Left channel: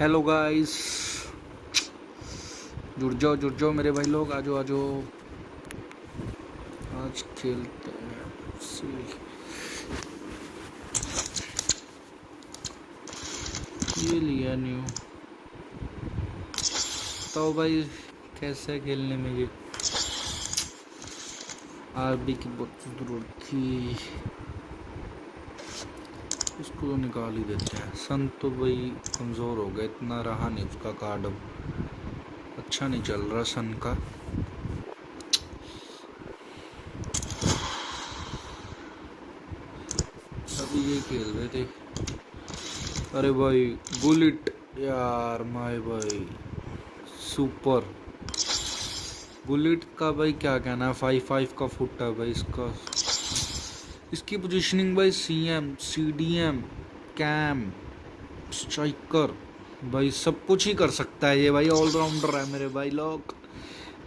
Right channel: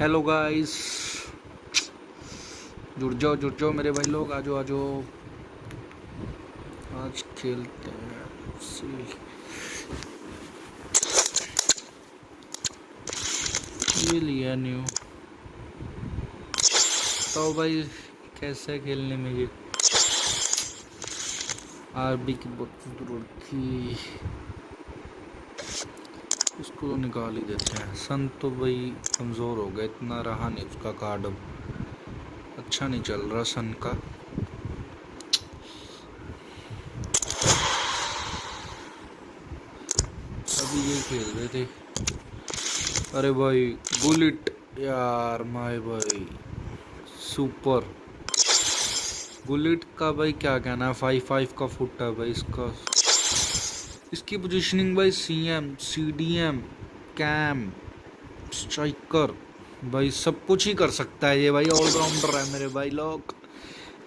Hello guys, जुड़ जाओ मेरे भाई लोग, आ जाओ आज खेलते हैं। ये लिया न्यू, तो भाई कैसे खेलने में ये आरबी की बहुत थी, इसको तो निकाल ही देते हैं। सन तो भाई कमज़ोर हो गया, इतना रहा नहीं उसका कार्ड, अब अच्छा नहीं चल रहा सन का। अभी ये खेल रहे थे। अरे भाई बुलेट यार, माय भाई सुपर बुलेट का भाई क्या कहना है। 5-5 का फुट है भाई इसका। इसकी पोजीशनिंग भाई CM CDM कैम स्ट्राइकर भाई सब कुछ ही कर सकता है ये भाई, ऑलराउंडर है मेरे भाई लोग।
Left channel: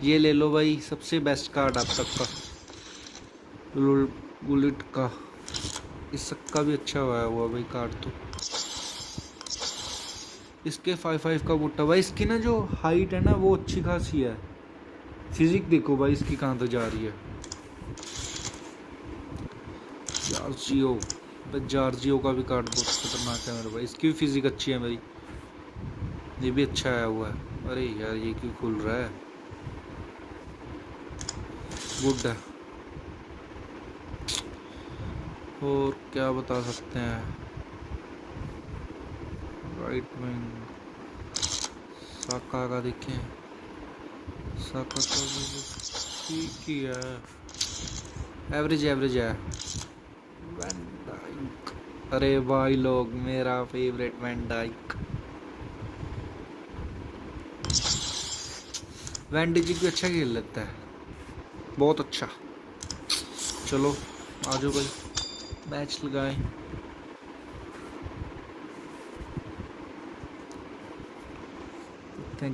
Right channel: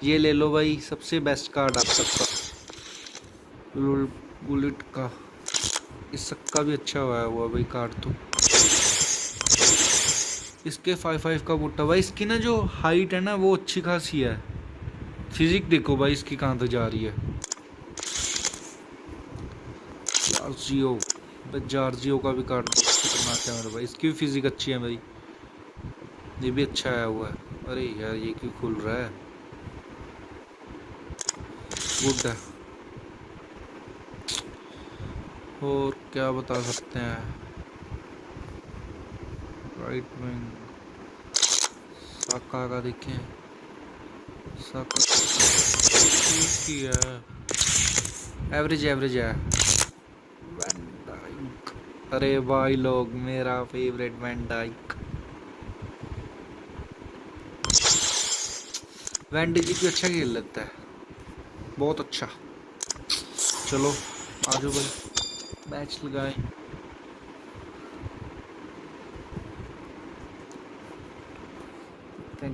ये ले लो भाई, सबसे बेस्ट कार्ड आप सबका बुलेट का। इस सबका भी अच्छा हुआ भाई कार्ड तो। इसके 5-5 का बुट्टा भाई, इसकी ना जो हाइट है ना वो अच्छी खासी है। फिजिक देखो भाई इसकी कहाँ तक जा रही है। जार्जियो का भी कार्ड बहुत खतरनाक है मेरे भाई, इसकी भी फिजिक अच्छी है मेरी। ये भी अच्छा आया हुआ है। अरे यार ये क्यों खुल रहा है। गुड है। और क्या बता सकते हैं। राइट विंग साका का देखें, साका ठीक ही है, एवरेज है। वैन डाइक, अरे भाई लोग मेरा फेवरेट वैन डाइक। वैन डिजिक भी अच्छा खेल लेता है, बहुत अच्छा। चलो आ जाओ भाई, मैच लगाएं।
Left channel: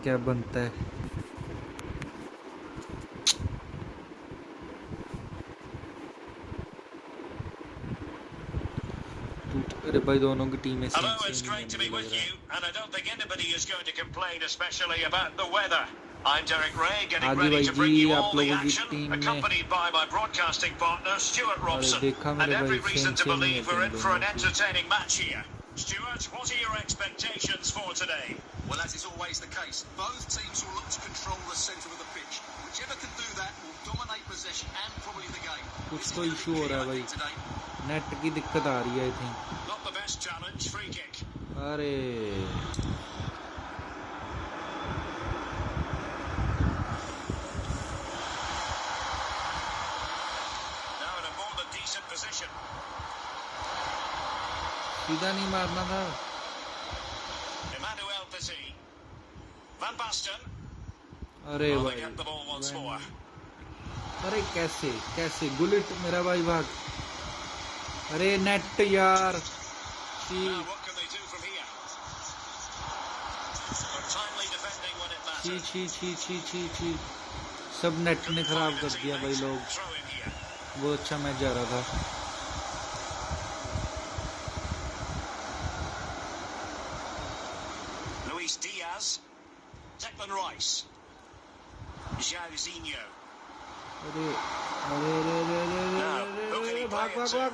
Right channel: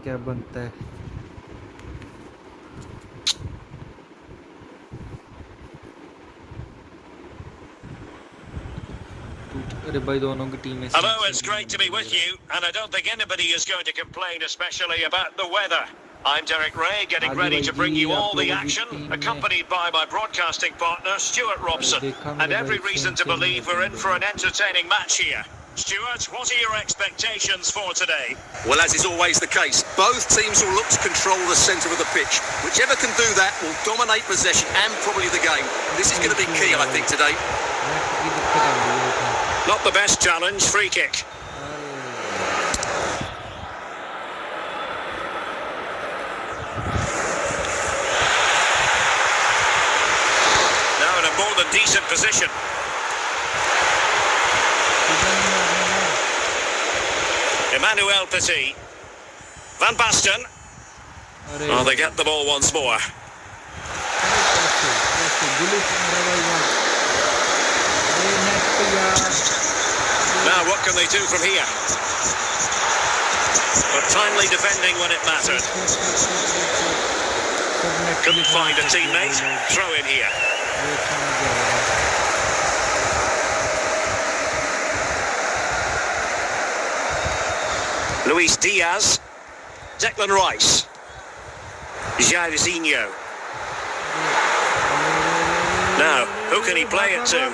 क्या बनता है। अरे भाई दोनों की टीमें Hello, it's great to be with you, and I don't think anybody is going to complain, especially about the weather. I'm Derek Ray, getting ready to bring you all the action, accompanied by my broadcasting partner Stuart Robson, and every reason to believe we're in for an entertaining match here. Stuart, what are your expectations for today? Well, as is always the case, both teams will look to control the centre of the pitch. Whichever can do that will dominate possession and probably the game. This is going to be key, I think, today. Not the best challenge, free kick. Now in a more than decent position. Emmanuel Petit. Van Basten. Oh, they get the ball once more. Now what can they do from here? But timely defending when it mattered. Couldn't find a teammate. Throw in here. Luis Diaz, Declan Rice, Jairzinho. Now, who can he play it to? And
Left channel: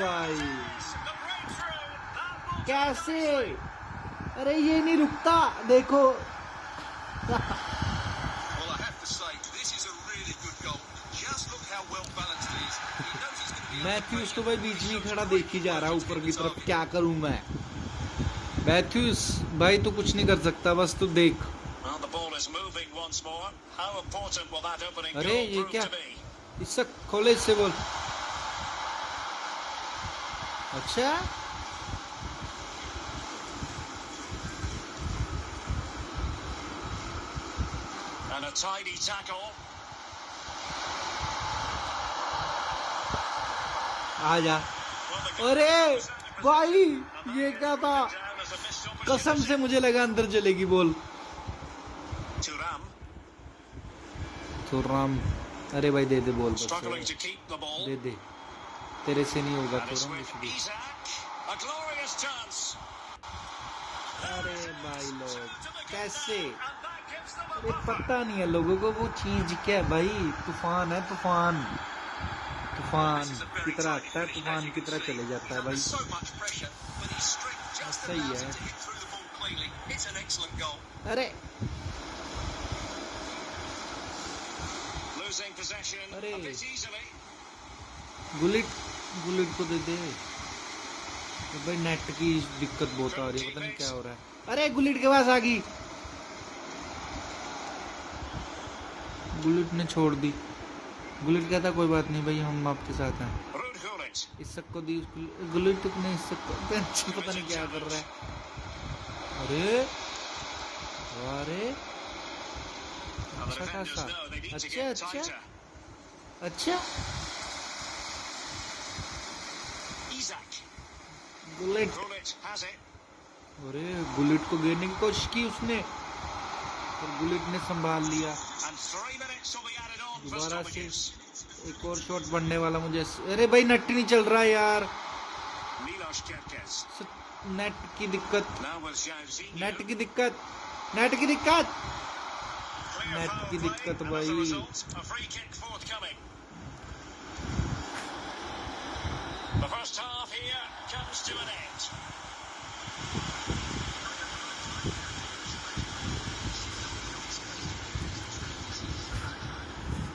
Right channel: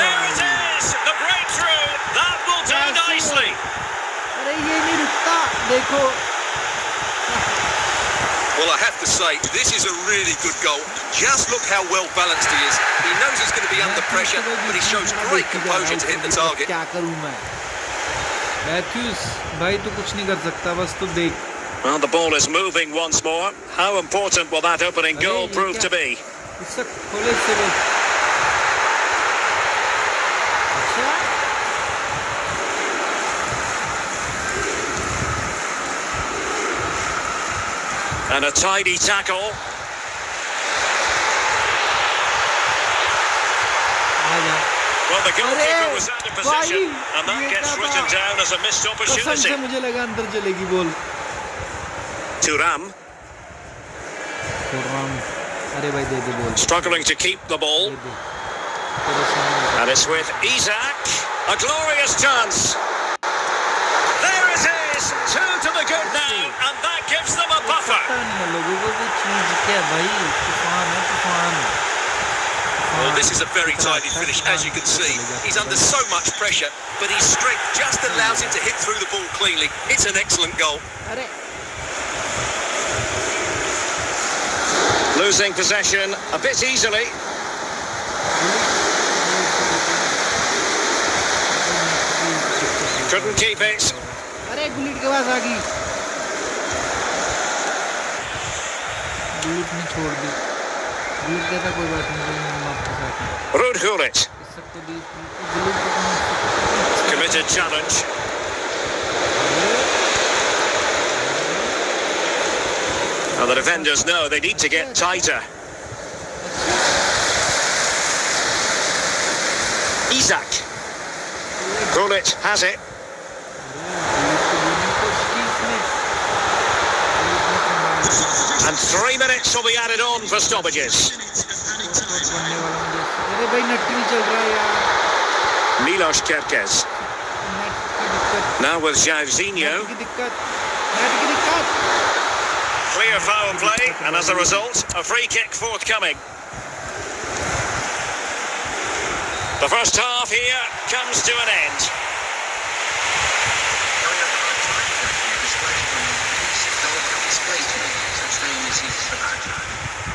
there it is, the breakthrough. That will do nicely. अरे ये नहीं रुकता, देखो। Well, I have to say, this is a really good goal. Just look how well balanced he is. He knows he's going to be under pressure, but he shows great composure to hit the target. क्या करूं मैं? Matthews भाई तू कुछ नहीं कर सकता, बस तू देख। Well, the ball is moving once more. How important will that opening goal prove to be? इससे खोले से बोल। अच्छा? And a tidy tackle. आजा। Well, the goalkeeper was out of position, and that gets written down as a missed opportunity. कसम से मुझे लगा अंदर चलेगी बॉल। Thuram. अरे भाई दे दे ball. Struggling to keep the ball. दे दे। तेरे से नहीं होगा. And it's with Isak. A glorious chance. There it is. 2 to the good now, and that gives them a buffer. पता नहीं है लोगों को वो चीज क्या है भाई. तूफान है तूफान. Well, this is a very tidy finish, as you can see. He's under so much pressure, but his strength just allows him to hit through the ball cleanly. It's an excellent goal. अरे Losing possession a bit easily. Gullit को देते हैं. अगर net की दिक्कत होता है. Couldn't keep it. अरे गुलिट के पास आ गई. गुलिट ने छोड़ दी. गुलिट कहता कोई बात नहीं भाई हम आपके साथ हैं. Ruud Gullit. इस सबको दी गुलिट को Committed challenge. And the defenders know they need to get tighter. अच्छा Isak. Gullit has it. Gullit को देने की कोशिश की इसने. गुलिट ने संभाल लिया. And 3 minutes will be added on for stoppages. Shot बनने वाला मुझे. अरे भाई नेट नहीं चल रहा यार. Milos Kerkez. नेट की दिक्कत. Now with Jairzinho. नेट की दिक्कत. नेट की दिक्कत. Clear foul play, and as a result, a free kick forthcoming. The first half here comes to an end.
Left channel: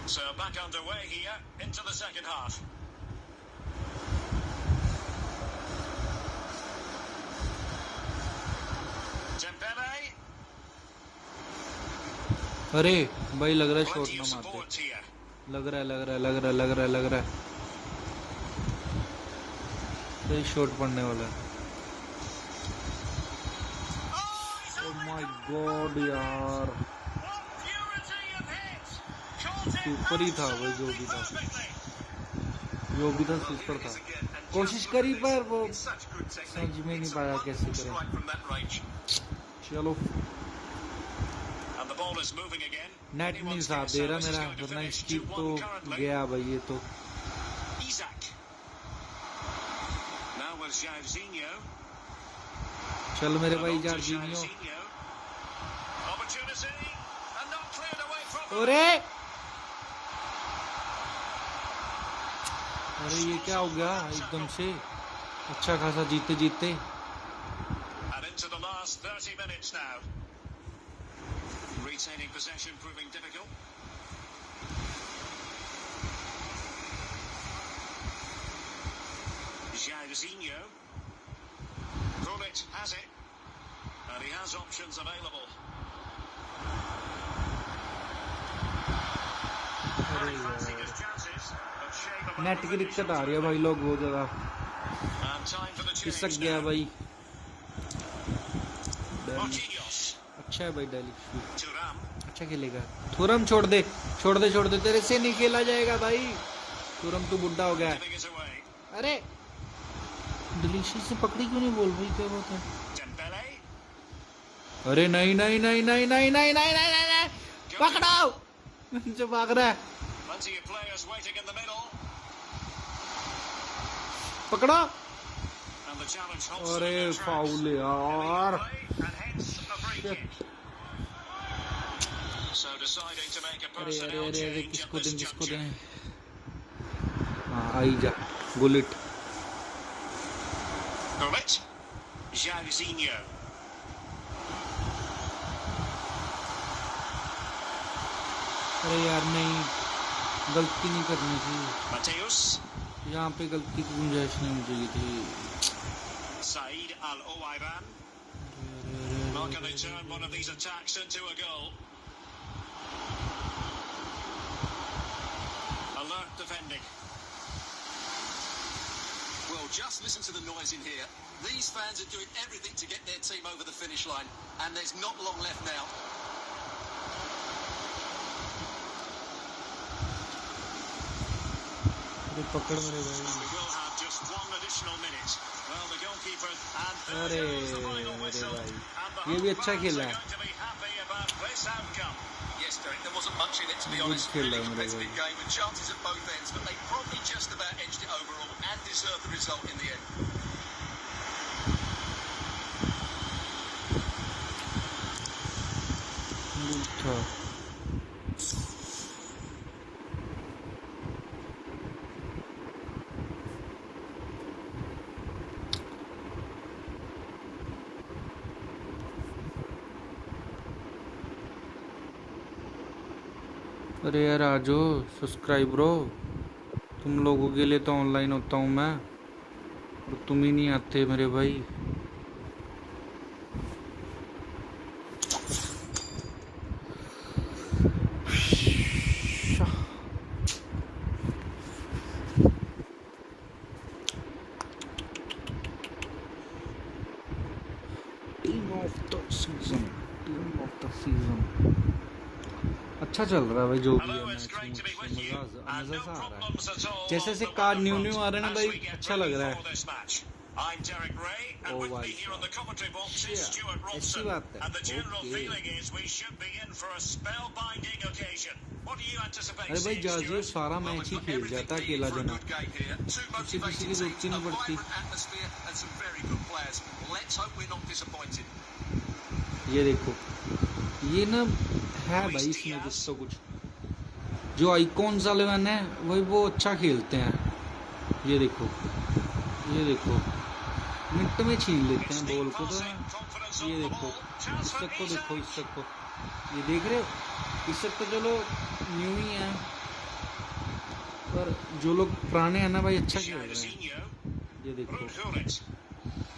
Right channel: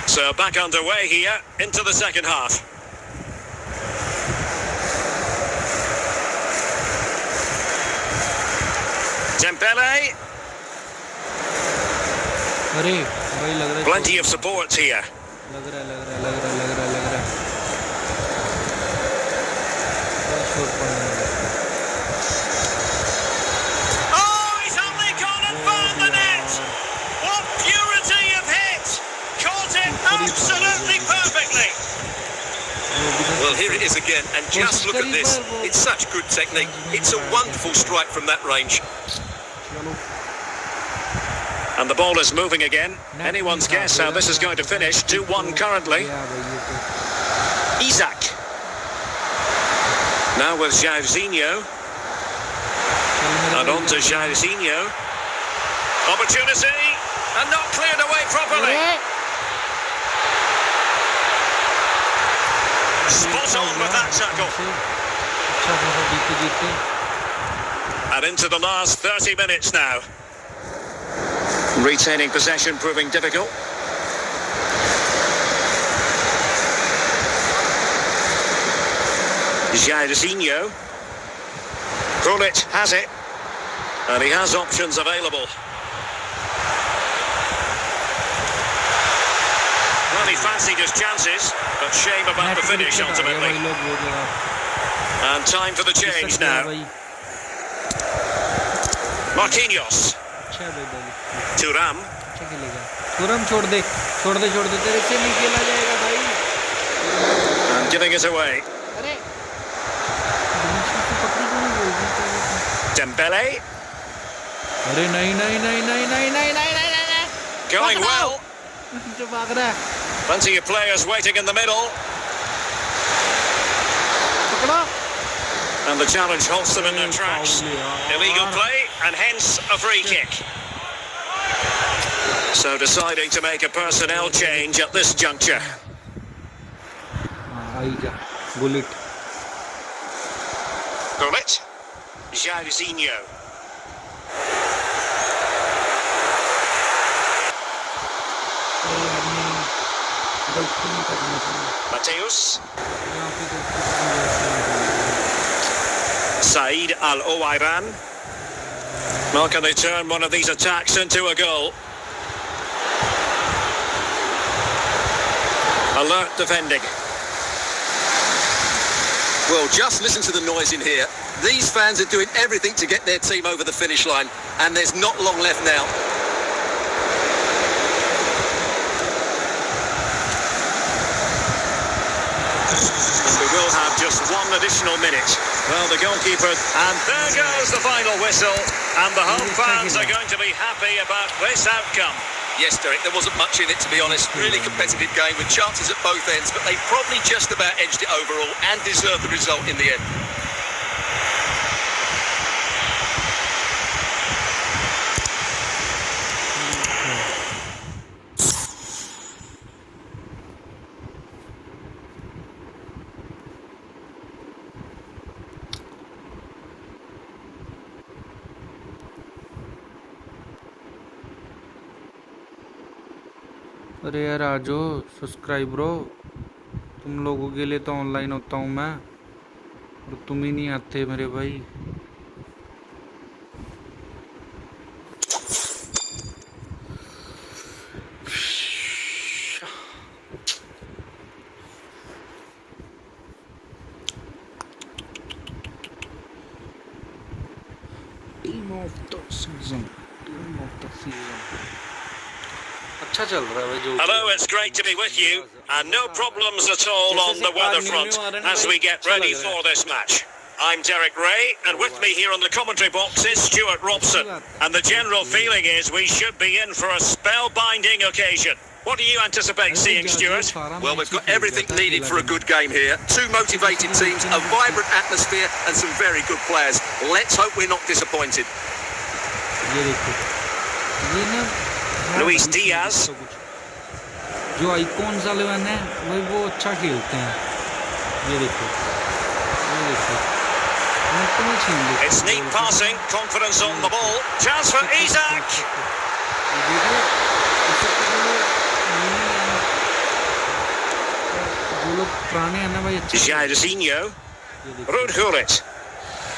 So back underway here into the second half. Dembele, अरे भाई लग रहा है plenty of support here. लग रहा है भाई shot पड़ने वाला है. Oh, he's only gone and found the net. What purity of hit! Caught it absolutely perfectly. Well, here it is again, and just look at this. It's such good technique. It's a wonderful strike from that range. चलो. And the ball is moving again. Anyone's guess how this is going to finish. 2-1 currently. Isak. Now with Jairzinho. And on to Jairzinho. Opportunity. And not cleared away properly. Spot on with that tackle. अच्छा खासा जीते. And into the last 30 minutes now. Retaining possession proving difficult. Jairzinho. Gullit has it. And he has options available. Well, he fancied his chances, but shame about the finish ultimately. And time for the change now. Marquinhos. Thuram. अच्छा खेलेगा. तुरम छोड़ दे तेरे से नहीं खेला जाएगा भाई. Giving it away. अरे डिलीशन से पकड़ी क्यों नहीं बोल रही तो. Dembele. अरे नहीं. Going well. जो भाग रहा है. Plenty of players waiting in the middle. पकड़ा. And the challenge halts them in their tracks. Illegal play, and hence a free kick. So deciding to make a personnel change at this juncture. Gullit. Jairzinho. गलती नहीं करनी चाहिए. Mateus. यहाँ पे गलती Said Al Owairan. Well, can they turn one of these attacks into a goal? Alert defending. Well, just listen to the noise in here. These fans are doing everything to get their team over the finish line, and there's not long left now. We will have just one additional minute. Well, the goalkeeper, and there goes the final whistle, and the home fans are going to be happy about this outcome. Yes, Derek, there wasn't much in it, to be honest. Really competitive game with chances at both ends, but they probably just about edged it overall and deserved the result in the end. अरे यार आजो subscribe bro, तुम लोगों के लिए तो online होता हूँ मैं, और तुम ही नहीं आते मेरे भाई। Team of the season, team of the season. अच्छा चल रहा है भाई जो। Hello, it's great to be with you, and no problems at all on the weather front as we get ready for this match. I'm Derek Ray, and with me here on the commentary box is Stuart Robson, and the general feeling is we should be in for a spellbinding occasion. What do you anticipate seeing, Stuart? Well, we've got everything needed for a good game here. Two motivated teams, a vibrant atmosphere, and some very good players. Let's hope we're not disappointed. ये देखो, ये ना Luis Diaz, जो icons वाले हैं वही वो अच्छा खेलते हैं। ये देखो, ये देखो, मिनट में छीन लेते हैं। it's neat passing, confidence on the ball, chance for Isaac. ये देख रहे, इस सबके जो लोग पुराने हैं ना भाई अच्छे। Jairzinho, Ruud Gullit,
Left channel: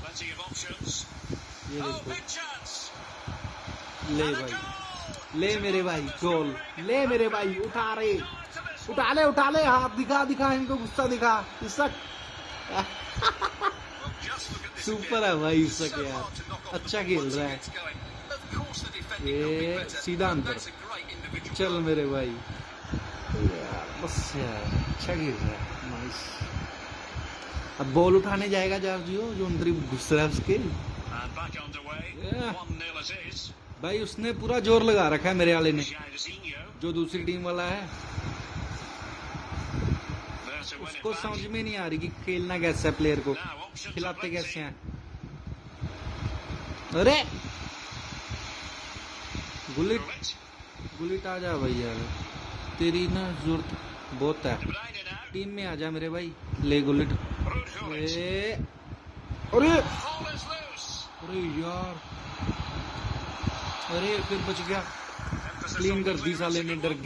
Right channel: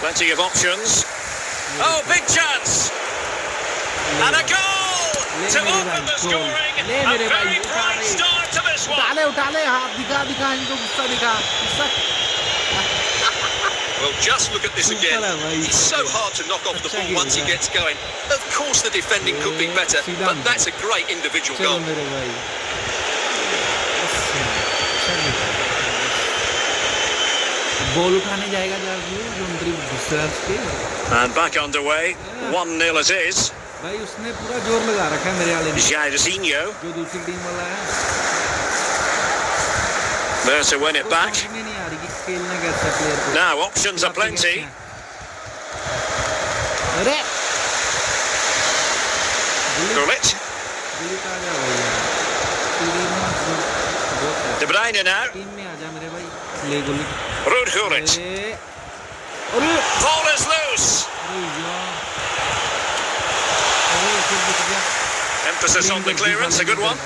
plenty of options. Oh, big chance, and a goal. ले मेरे भाई गोल, ले मेरे भाई, उठा ले हाथ, दिखा इनको गुस्सा दिखा। Well, just look at this again. It's so hard to knock off the ball once he gets going. Of course, the defending could be better, but that's a great individual goal. मेरे भाई, अब ball उठाने जाएगा जो अंदर गुस्सा के। And back underway, 1-0 it is. भाई उसने पूरा जोर लगा रखा है मेरे वाले ने, Jairzinho, जो दूसरी टीम वाला है। there to win it back. समझ में नहीं आ रही कि खेलना कैसे है प्लेयर को। Now options are plenty. अरे Gullit, आ जा भैया, तेरी ना बहुत है। De Bruyne now. टीम में आ जा मेरे भाई, ले गुलिट। Ruud Gullit. अरे Ball is loose. अरे यार, अरे फिर बच गया। Emphasis on the clearance, a good one.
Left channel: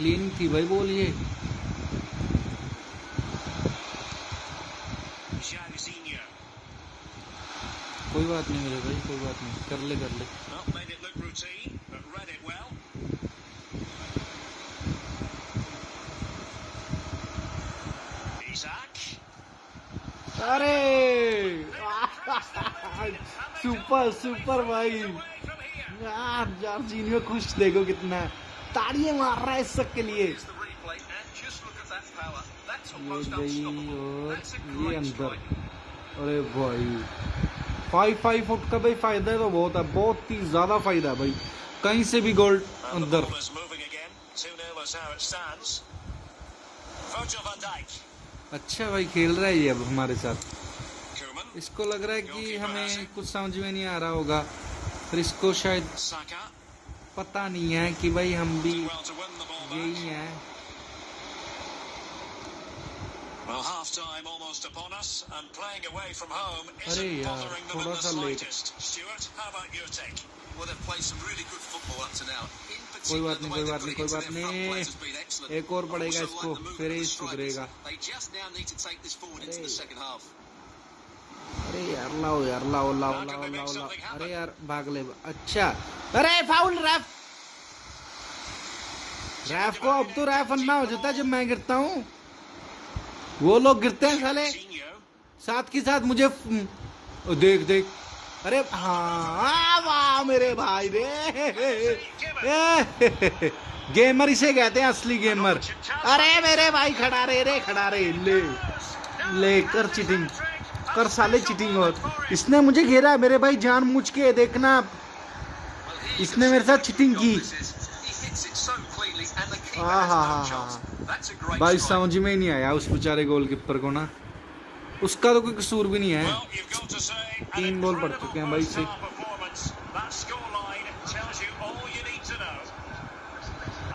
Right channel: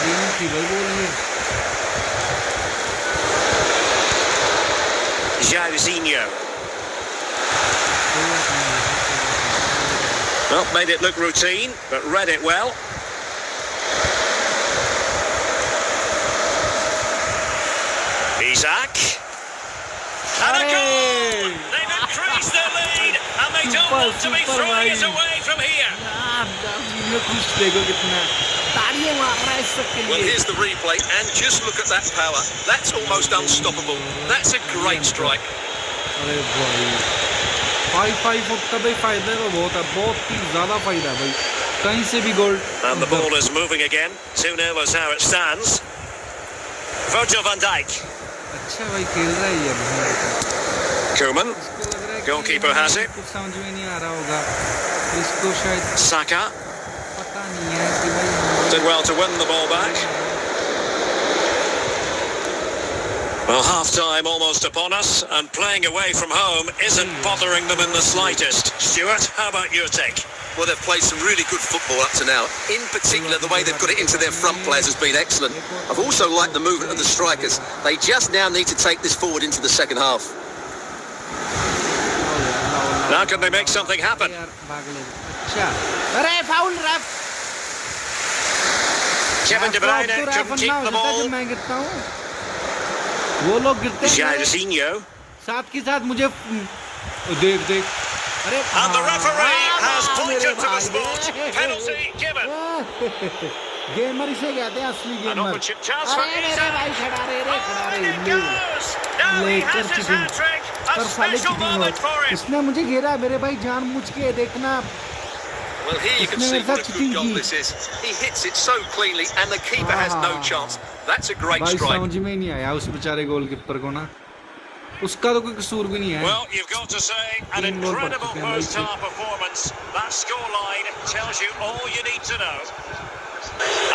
Clean थी भाई बोल ये। Jairzinho. कोई बात नहीं। Well, made it look routine, but read it well. Isaac. And a goal! They've increased their lead, and they don't want to be throwing it away from here. यार खुश देखो कितना तालियां मार रहा है इस सब के Well, लिए। here's the replay, and just look at that power. That's almost unstoppable. That's a great strike. अरे भाई 5 फुट का भाई फायदा है, बहुत ही ज्यादा फायदा है भाई, कहीं से भी गोल। And the ball is moving again. 2-0 is how it stands. Virgil van Dijk. अच्छा भाई खेल रहा है ये अब हमारे साथ। Koeman. इसको लग रहा है Goalkeeper has कि it. कुछ समझ में नहीं आ रहा होगा, फिर इसको शायद Saka. पता नहीं है कि भाई हम Did well to win the ball back. Well, half-time almost upon us, and playing away from home isn't bothering them in the slightest. Stuart, how about your take? Well, they've played some really good football up to now. In particular, the way they've got it into their front players has been excellent. I've also liked the movement of the strikers. They just now need to take this forward into the second half. Now can they make something happen? अच्छा, अरे foul रेफ। Kevin De Bruyne तो रेफ couldn't अन्ना हो keep the जाता है जब ball. मैं गिरता हूँ, वो लोग गिरते हैं मेरे Jairzinho. साथ के साथ मुझे देख अरे And the referee has मेरे pointed to the भाई spot. Penalty given. गेमर इसे कहते हैं, असली गेमर। अरे मेरे भाई खड़ा रे ले कर चीटिंग कर साले चीटिंग। और इसने मुझे घेरा मेरे भाई जानबूझ के, देखना Well, here you can इसने see मेरे what साथ a good cheating goal की this is. He hits it so cleanly and the keeper has no chance. That's a great भाई strike. समझ में ही नहीं आया उस बेचारे गोलकीपर को ना, उसका तो कोई कसूर भी नहीं है। Well, you've got to say, an 3 ball पड़ incredible चुके हैं भाई से। first-half performance. That scoreline tells you all you need to know.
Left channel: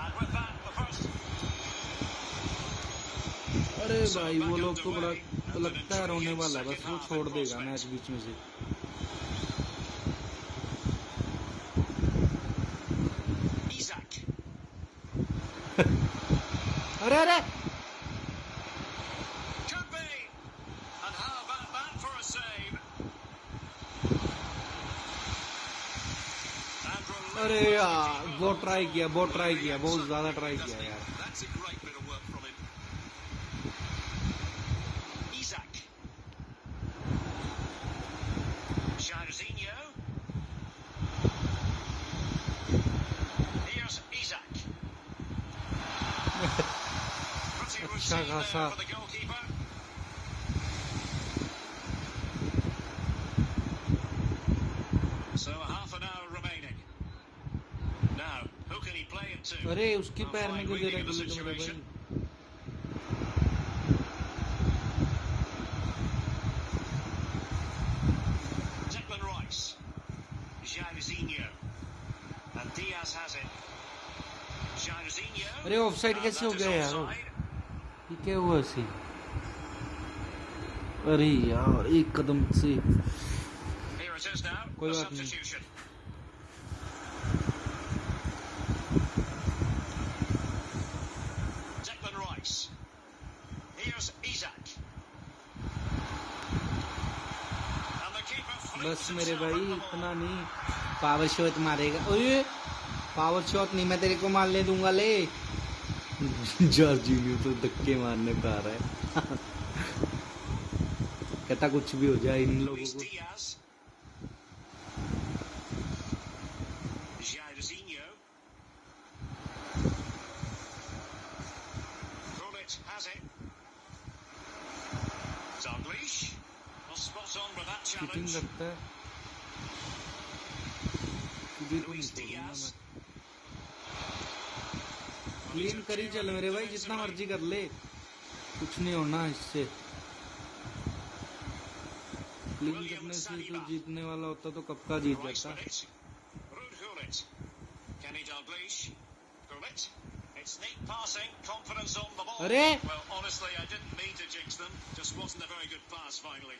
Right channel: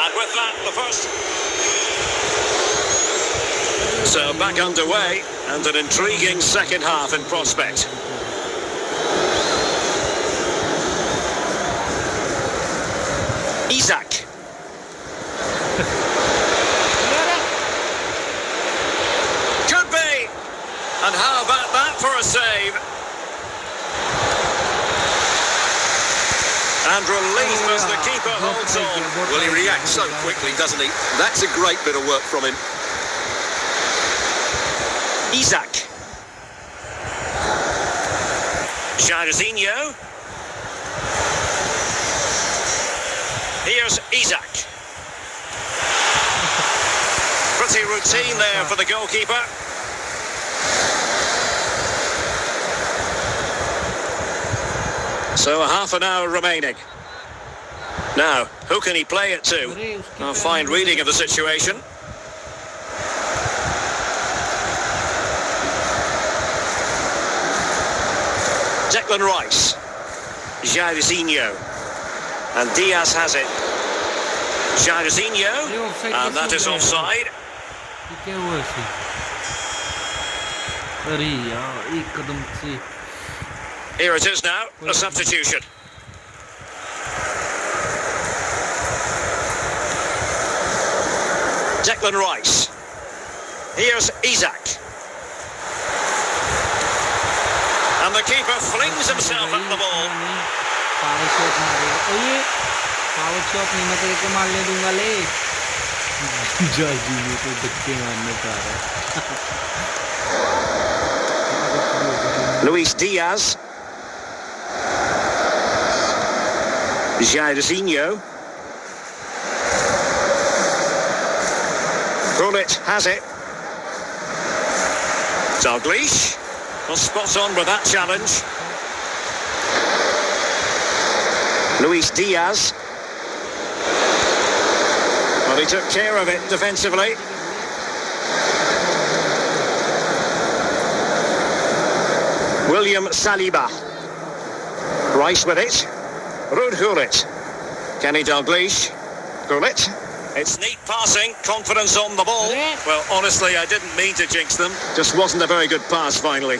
And with that, the first. So back underway, and an intriguing second half in prospect. Isak. Could be. And how about that for a save? And relief as the keeper holds on. Well, he reacts so quickly, doesn't he? That's a great bit of work from him. Isak. Jairzinho. Here's Isak. Pretty routine there for the goalkeeper. So a half an hour remaining. Now, who can he play it to? A fine reading of the situation. Declan Rice. Jairzinho. And Diaz has it. Jairzinho. And that is offside. क्या हुआ इसे? अरे यार एक कदम से। Here it is now, a substitution. Declan Rice. Here's Isak. And the keeper flings himself at the ball. Power shot मारेगा। ओए power shot नहीं, मैं तेरे को मारने दूंगा ले। जॉर्जिनियो तो धक्के मारने का आ रहा है। ऐसा कुछ भी हो जाए। Luis Diaz. Jairzinho. Gullit has it. Dalglish. Well, spot on with that challenge. Luis Diaz. Well, he took care of it defensively. William Saliba. Rice with it. Ruud Gullit. Kenny Dalglish. Gullit. It's neat passing, confidence on the ball. Well, honestly, I didn't mean to jinx them. Just wasn't a very good pass, finally.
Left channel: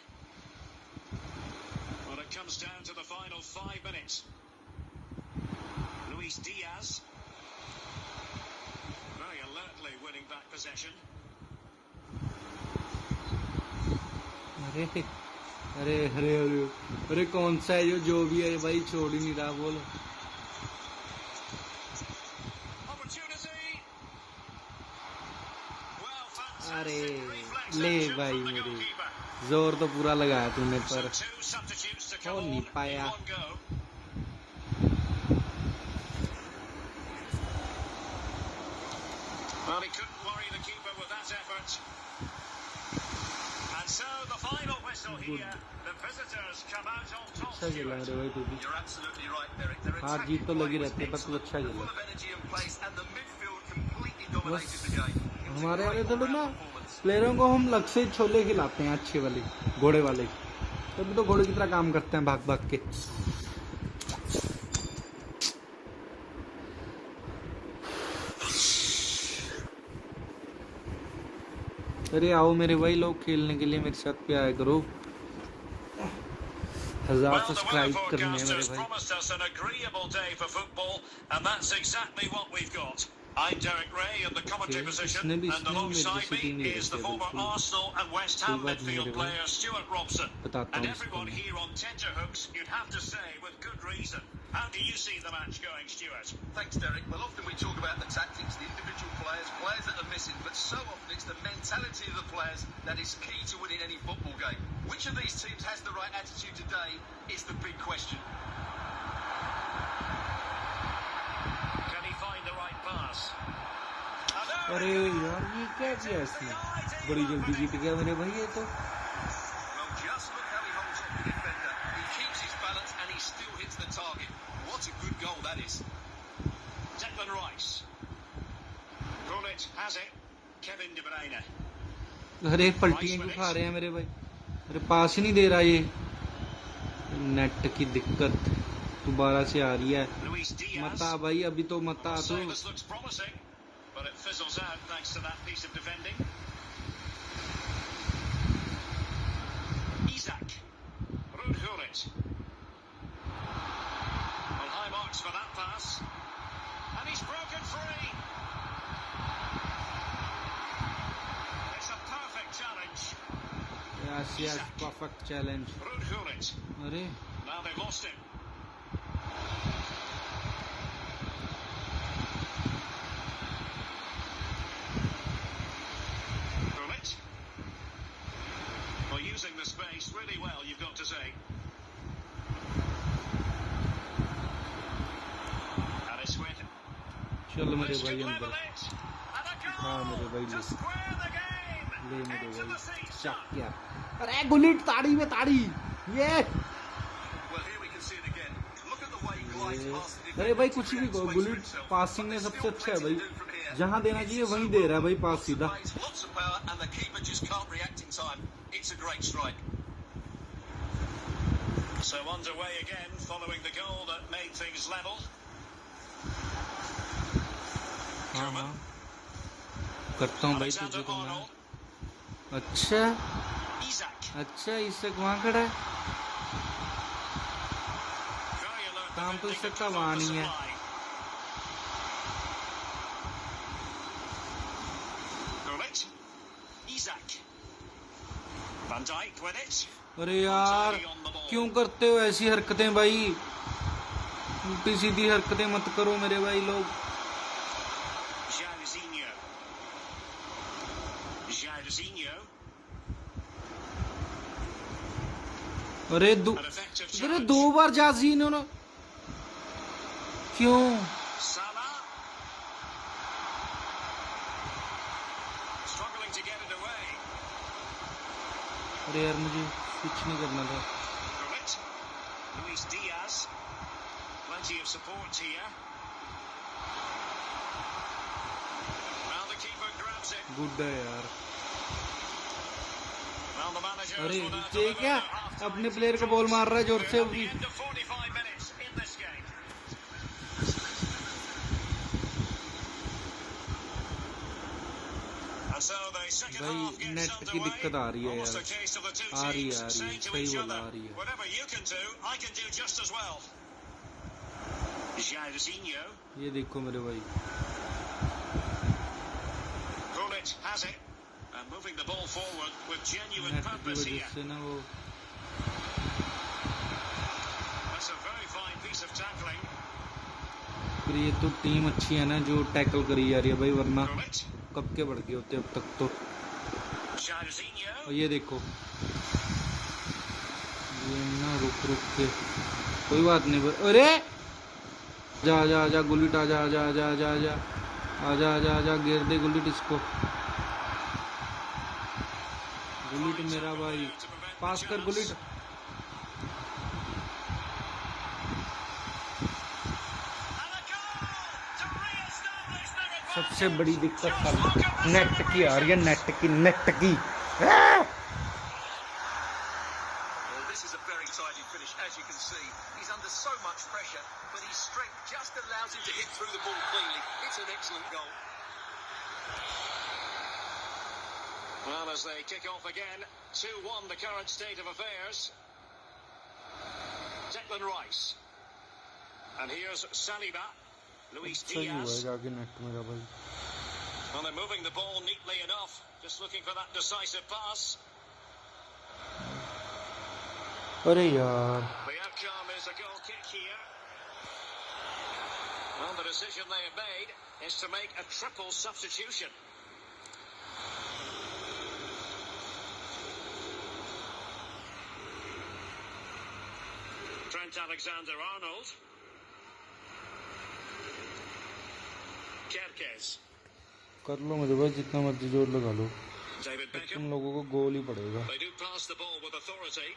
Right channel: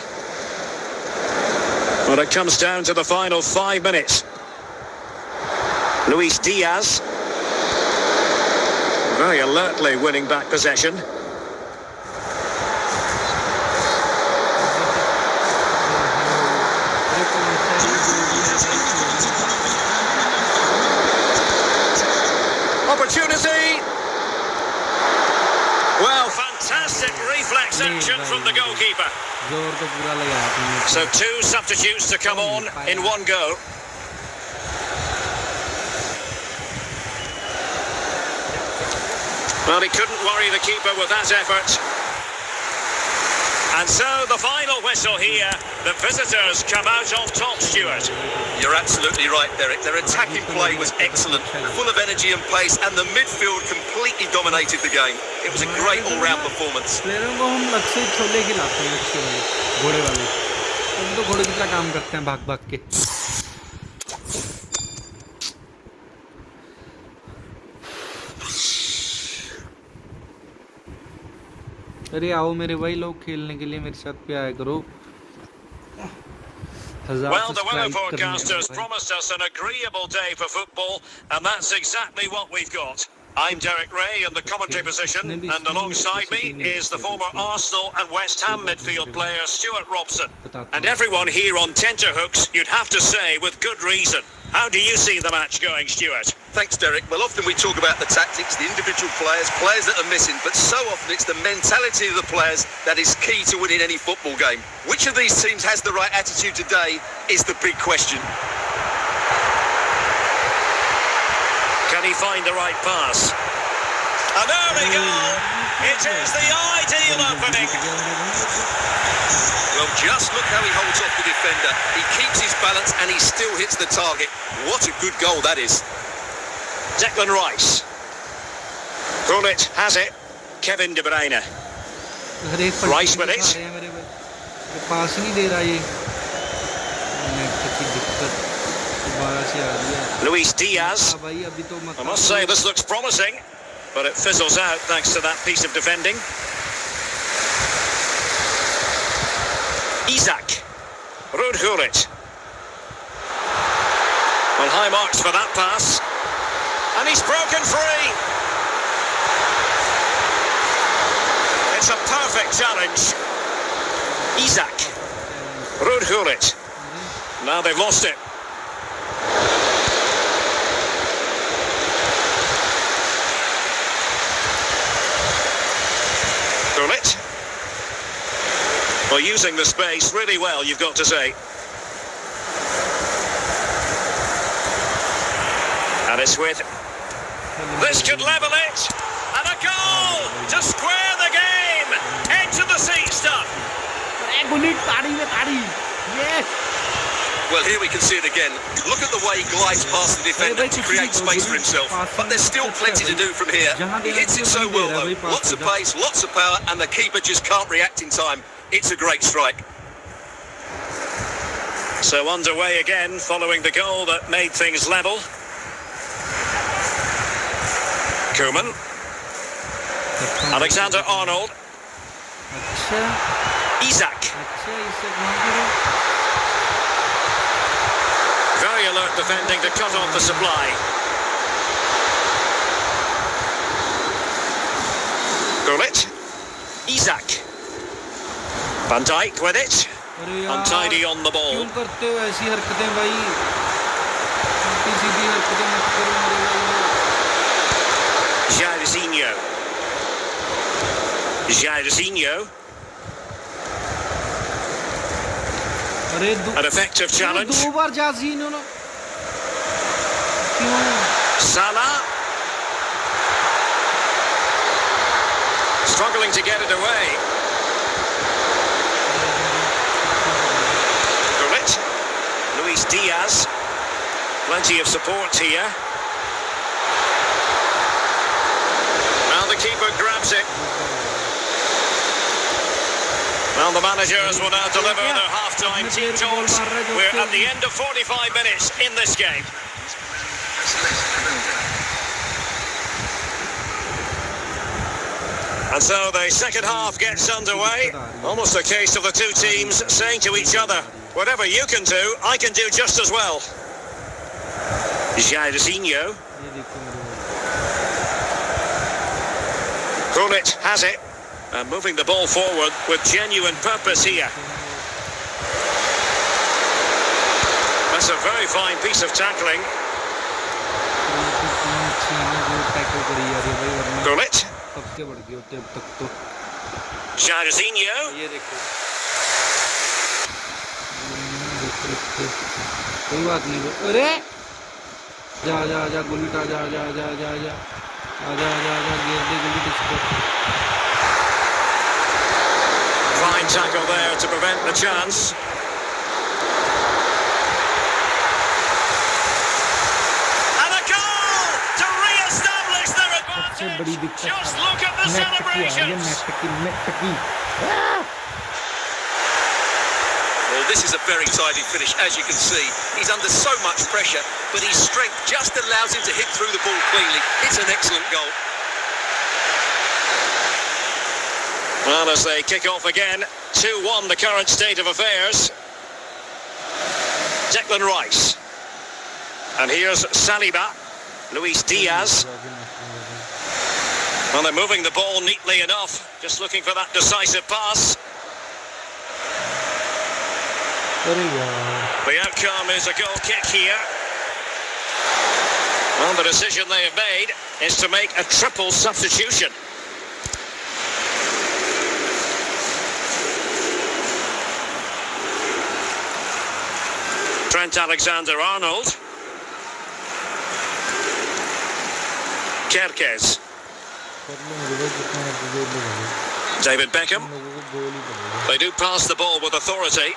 But it comes down to the final 5 minutes. Luis Diaz. Very alertly winning back possession. Opportunity. Well, fantastic reflex action from the goalkeeper. So 2 substitutes to come on in one go. Well, he couldn't worry the keeper with that effort. And so the final whistle here. The visitors come out on top, Stuart. You're absolutely right, Derek. Their attacking play was excellent, full of energy and pace, and the midfield completely dominated the game. It was a great all-round performance. प्लेयरों को हम लग से छोले खिलाते हैं अच्छे वाले, घोड़े वाले। तुम तो घोड़े की तरह काम करते हैं भाग-भाग के। अरे आओ मेरे भाई लोग खेलने के लिए मेरे साथ भी आया करो। 1000 सब्सक्राइब करने Broadcasters promised us an agreeable day for football, and that's exactly what we've got. I'm Derek Ray in the commentary position, and alongside me is the former Arsenal and West Ham midfield player Stuart Robson. And everyone here on tenterhooks, you'd have to say with good reason. How do you see the match going, Stuart? Thanks, Derek. Well, often we talk about the tactics, the individual players that are missing, but so often it's the mentality of the players that is key to winning any football game. Which of these teams has the right attitude today is the big question. Can he find the right pass? And there we go! It is the ideal opening. Well, just look how he holds off the defender. He keeps his balance and he still hits the target. What a good goal that is. Declan Rice. Gullit has it. Kevin De Bruyne. हर एक पलटी Rice with दिखा it. रहे हैं मेरे भाई, मेरे पास ही नहीं दे रहा ये। नेट की दिक्कत दोबारा से आ रही है। Luis Diaz. हाँ भाई अभी तो मत। I must say this looks promising, but it fizzles out thanks to that piece of defending. Isak. Ruud Gullit. Well, high marks for that pass. And he's broken free. It's a perfect challenge. Isak. Ruud Gullit. Now they've lost it. Gullit. Well, using the space really well, you've got to say. And it's with... This could level it. And a goal to square the game. Into the seat stuff. Gullit ताड़ी में ताड़ी। Yes. Well, here we can see it again. Look at the way he glides past the defender to create space for himself. But there's still plenty to do from here. He hits it so well, though. Lots of pace, lots of power, and the keeper just can't react in time. It's a great strike. So underway again, following the goal that made things level. Koeman. Alexander Arnold. अच्छा Isak. अच्छा इससे कहाँ करे? Very alert defending to cut off the supply. Gullit. Isak. Van Dijk with it. अरे यार Untidy on the ball. क्यों करते हो ऐसी हरकतें भाई? उल्टी सीधी हरकतें मत करो मेरे भाई लोग। Jairzinho. Jairzinho. अरे An effective challenge. दो बार जाजीनो ना क्यों? Salah. Struggling to get it away. Gullit. Luis Diaz. Plenty of support here. Now the keeper grabs it. Well, the managers will now deliver their half-time team talks. We're at the end of 45 minutes in this game. And so the second half gets underway. Almost a case of the two teams saying to each other, whatever you can do, I can do just as well. Jairzinho. Gullit has it. And moving the ball forward with genuine purpose here. That's a very fine piece of tackling. Gullit. Jairzinho. ये देखो कोई बात नहीं। अरे जा जा जा Gullit आ जा जा जा जा जा आजा आजा आजा गिर दे गुलिट इसको। Fine tackle there to prevent the chance. And a goal to re-establish their advantage. सबसे बड़ी दिक्कत Just look at the net की आ रही है, नेट की। Well, this is a very tidy finish, as you can see. He's under so much pressure, but his strength just allows him to hit through the ball cleanly. It's an excellent goal. Well, as they kick off again, 2-1 the current state of affairs. Declan Rice. And here's Saliba. Luis Diaz. Well, they're moving the ball neatly enough. Just looking for that decisive pass. The outcome is a goal kick here. Well, the decision they have made is to make a triple substitution. Trent Alexander-Arnold. Kerkez. David Beckham. They do pass the ball with authority.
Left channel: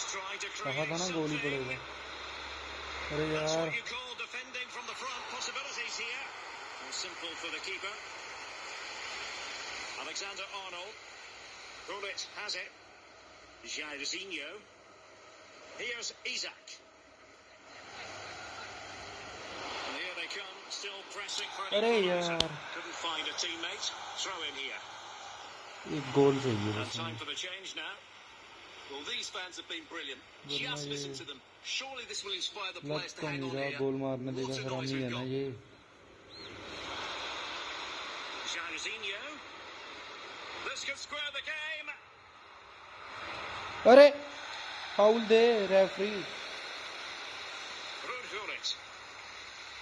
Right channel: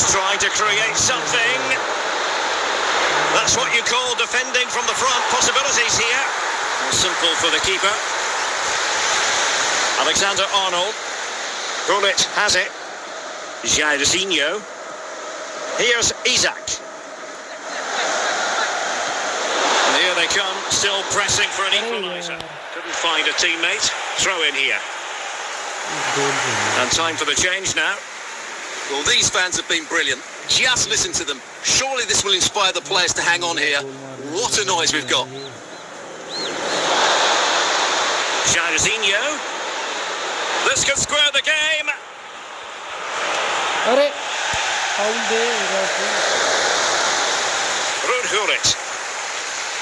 He's trying to create something. That's what you call defending from the front. Possibilities here. Simple for the keeper. Alexander-Arnold. Gullit has it. Jairzinho. Here's Isak. And here they come, still pressing for an equaliser. Couldn't find a teammate. Throw in here. And time for the change now. Well, these fans have been brilliant. Just listen to them. Surely this will inspire the players to hang on here. What a noise we've got. Jairzinho. This could square the game. अरे foul they referee Ruud Gullit.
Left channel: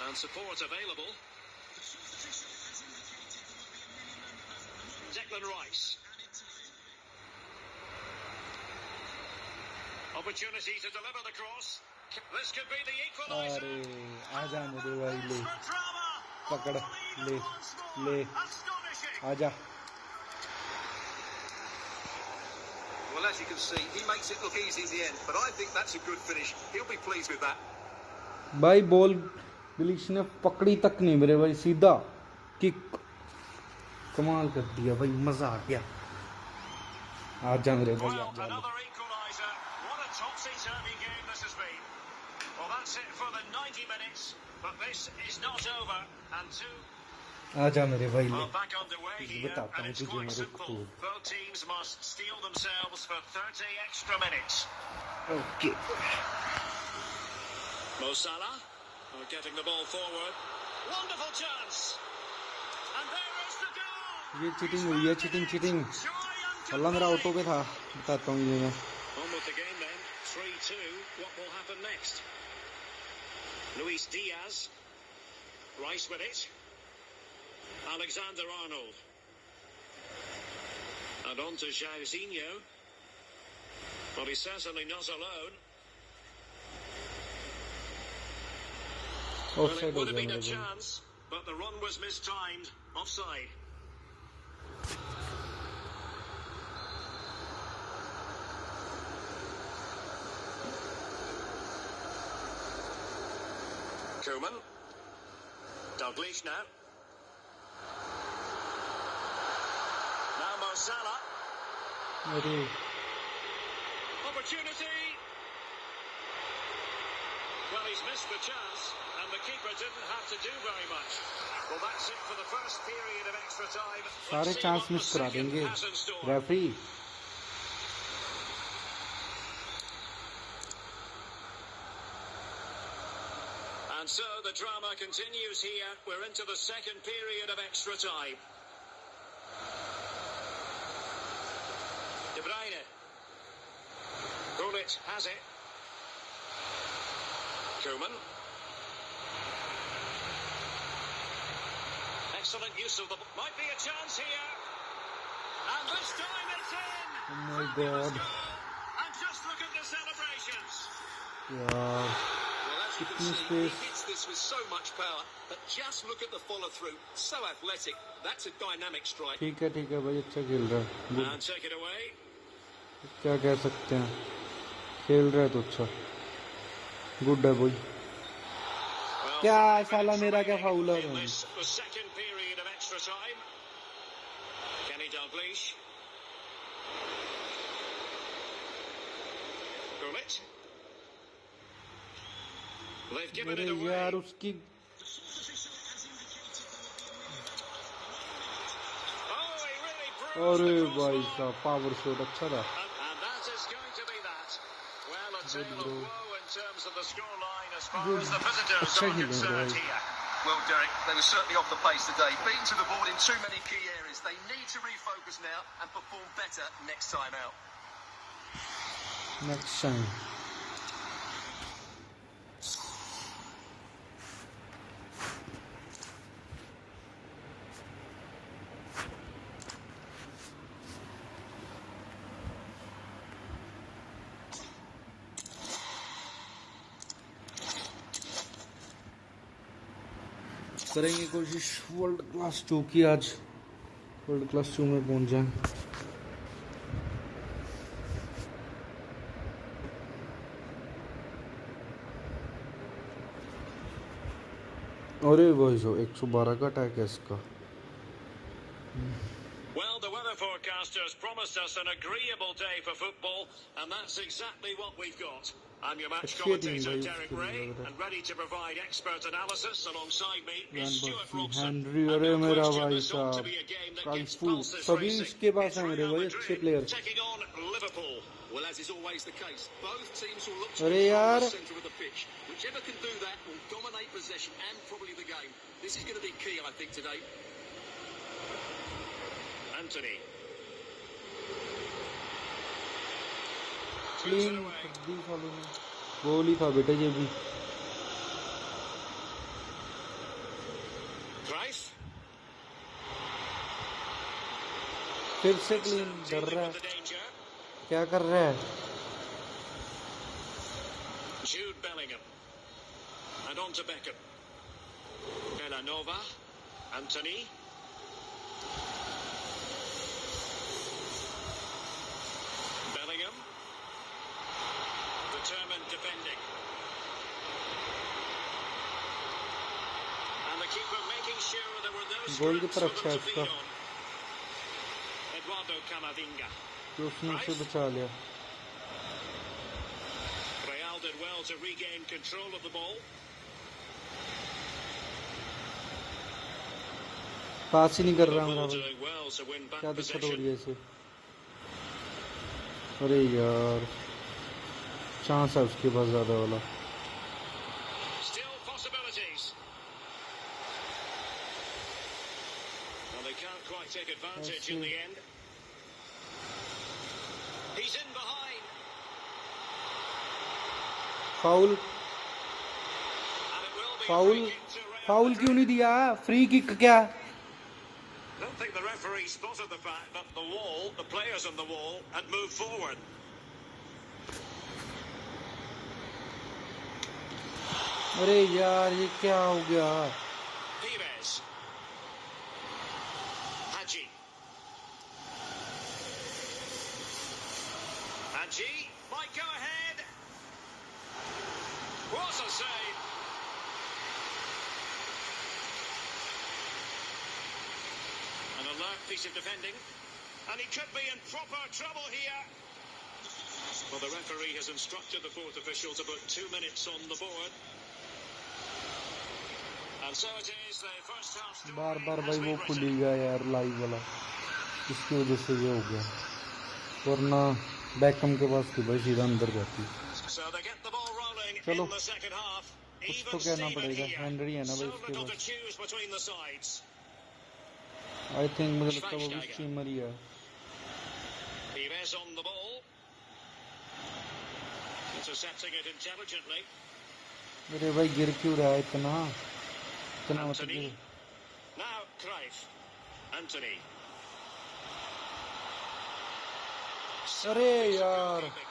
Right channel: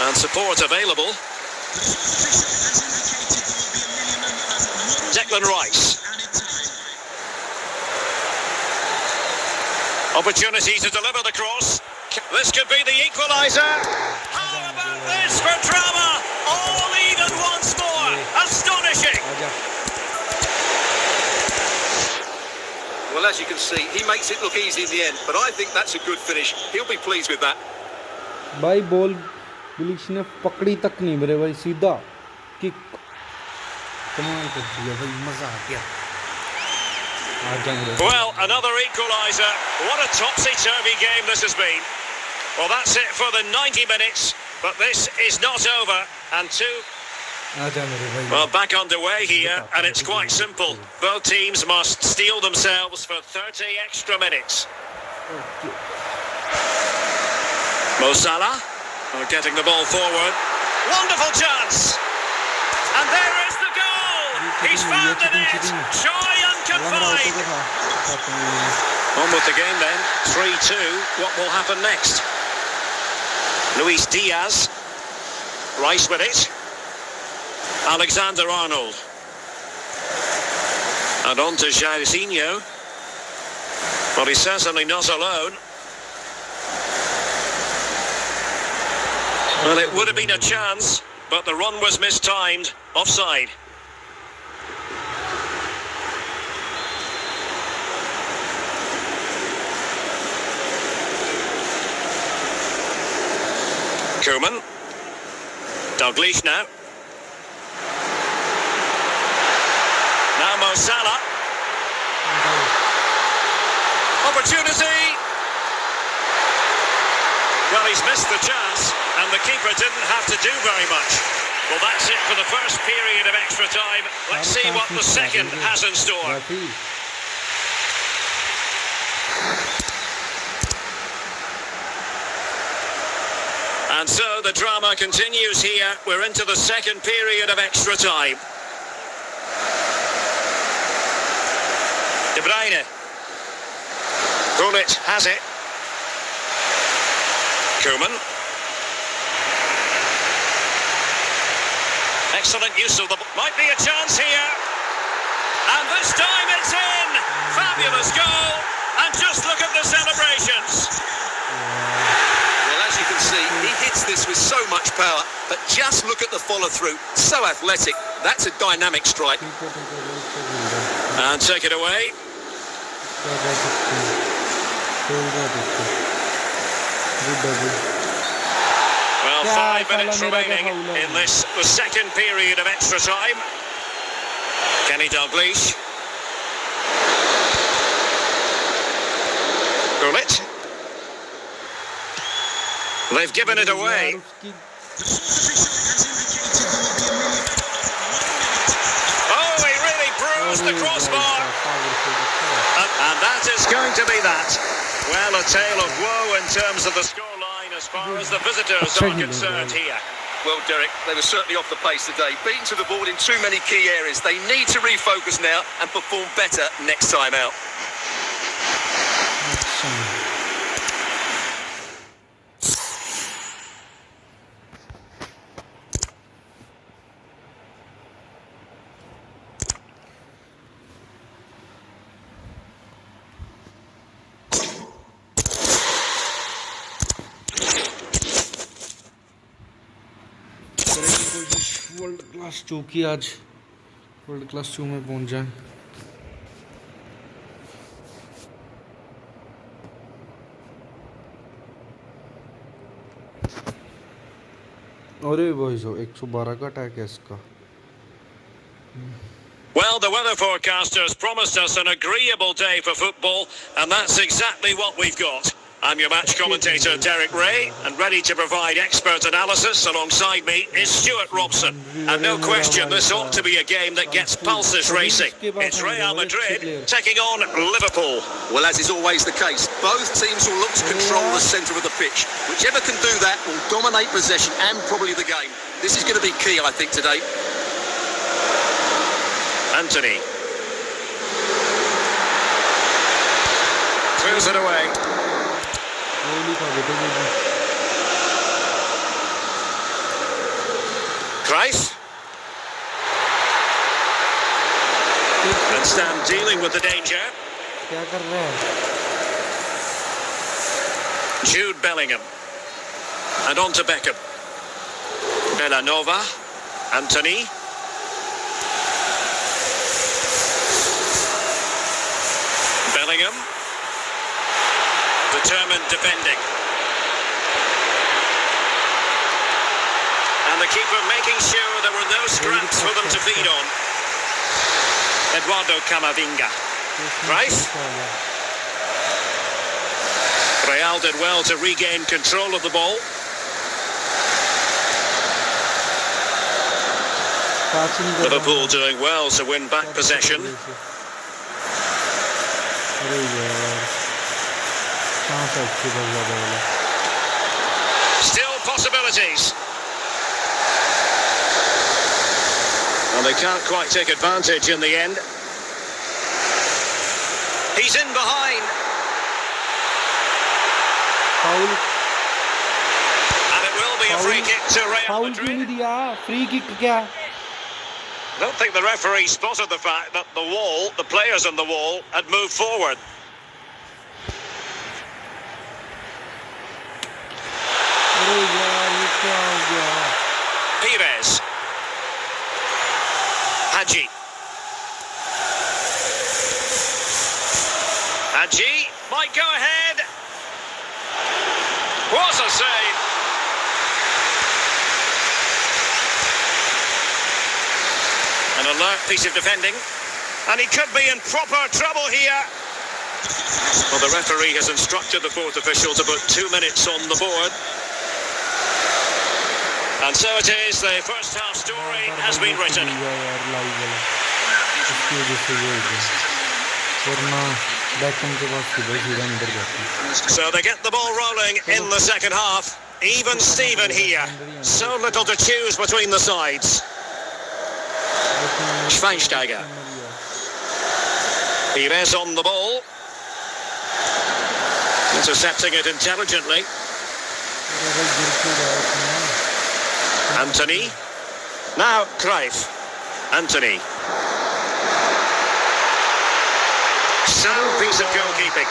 And support available. Declan Rice. Opportunity to deliver the cross. This could be the equaliser. How about this for drama? All even once more. Astonishing. Well, as you can see, he makes it look easy in the end, but I think that's a good finish. He'll be pleased with that. भाई ball बिलिश ने पकड़ी तक नहीं मेरे भाई सीधा kick कमाल कर दिया भाई मजा आ गया Well, another equaliser. What a topsy-turvy game this has been. Well, that's it for the 90 minutes, but this is not over. And well, back underway here, and it's quite simple. Both teams must steel themselves for 30 extra minutes. Okay. Mo Salah getting the ball forward. Wonderful chance. And there is the goal. He's found the net. Joy unconfined. On with the game then. 3-2. What will happen next? Luis Diaz. Rice with it. Alexander-Arnold. And on to Jairzinho. Well, he's certainly not alone. Well, it would have been a chance, but the run was mistimed. Offside. Koeman. Dalglish now. Now Mo Salah. Opportunity. Well, he's missed the chance, and the keeper didn't have to do very much. Well, that's it for the first period of extra time. Let's see what the second has in store. And so the drama continues here. We're into the second period of extra time. De Bruyne. Gullit has it. Koeman. Excellent use of the... Might be a chance here. And this time it's in. Fabulous goal. And just look at the celebrations. Well, as you can see, he hits this with so much power, but just look at the follow-through. So athletic. That's a dynamic strike. And take it away. Good double. Well, 5 minutes remaining in this, the second period of extra time. Kenny Dalglish. Gullit. They've given it away. Oh, he really bruised the crossbar. And that is going to be that. Well, a tale of woe in terms of the scoreline as far as the visitors are concerned here. Well, Derek, they were certainly off the pace today. Beaten to the board in too many key areas. They need to refocus now and perform better next time out. करेंगे कोशिश world class 2 की आज world class 2 में पहुंच जाएं अरे भाई जो 112 का अटैक है इसका. Well, the weather forecasters promised us an agreeable day for football, and that's exactly what we've got. I'm your match commentator, Derek Ray, and ready to provide expert analysis alongside me is Stuart Robson. And no question, this ought to be a game that gets pulses racing. It's Real Madrid taking on Liverpool. Well, as is always the case, both teams will look to control the centre of the pitch. Whichever can do that will dominate possession and probably the game. This is going to be key, I think, today. Anthony. Throws it away. Christ. And stand dealing with the danger. क्या कर रहा है? Jude Bellingham. And on to Beckham. Bellanova. Anthony. Bellingham. Determined defending. And the keeper making sure there were no scraps for them to feed on. Eduardo Camavinga. Rice. Real did well to regain control of the ball. Liverpool doing well to win back possession. Still possibilities. And they can't quite take advantage in the end. He's in behind. Foul. And it will be a free kick to Real Foul Madrid. क्यों नहीं दिया? Free kick क्या? I don't think the referee spotted the fact that the wall, the players on the wall, had moved forward. अरे यार ये क्या हो गया? Pires. Hadji. Hadji might go ahead. What a save. An alert piece of defending. And he could be in proper trouble here. Well, the referee has instructed the fourth official to put 2 minutes on the board. And so it is, the first half story has been written. So they get the ball rolling in the second half. Even Steven here. So little to choose between the sides. Schweinsteiger. Pires on the ball. Intercepting it intelligently. Anthony. Now Cruyff. Anthony. Sound piece of goalkeeping.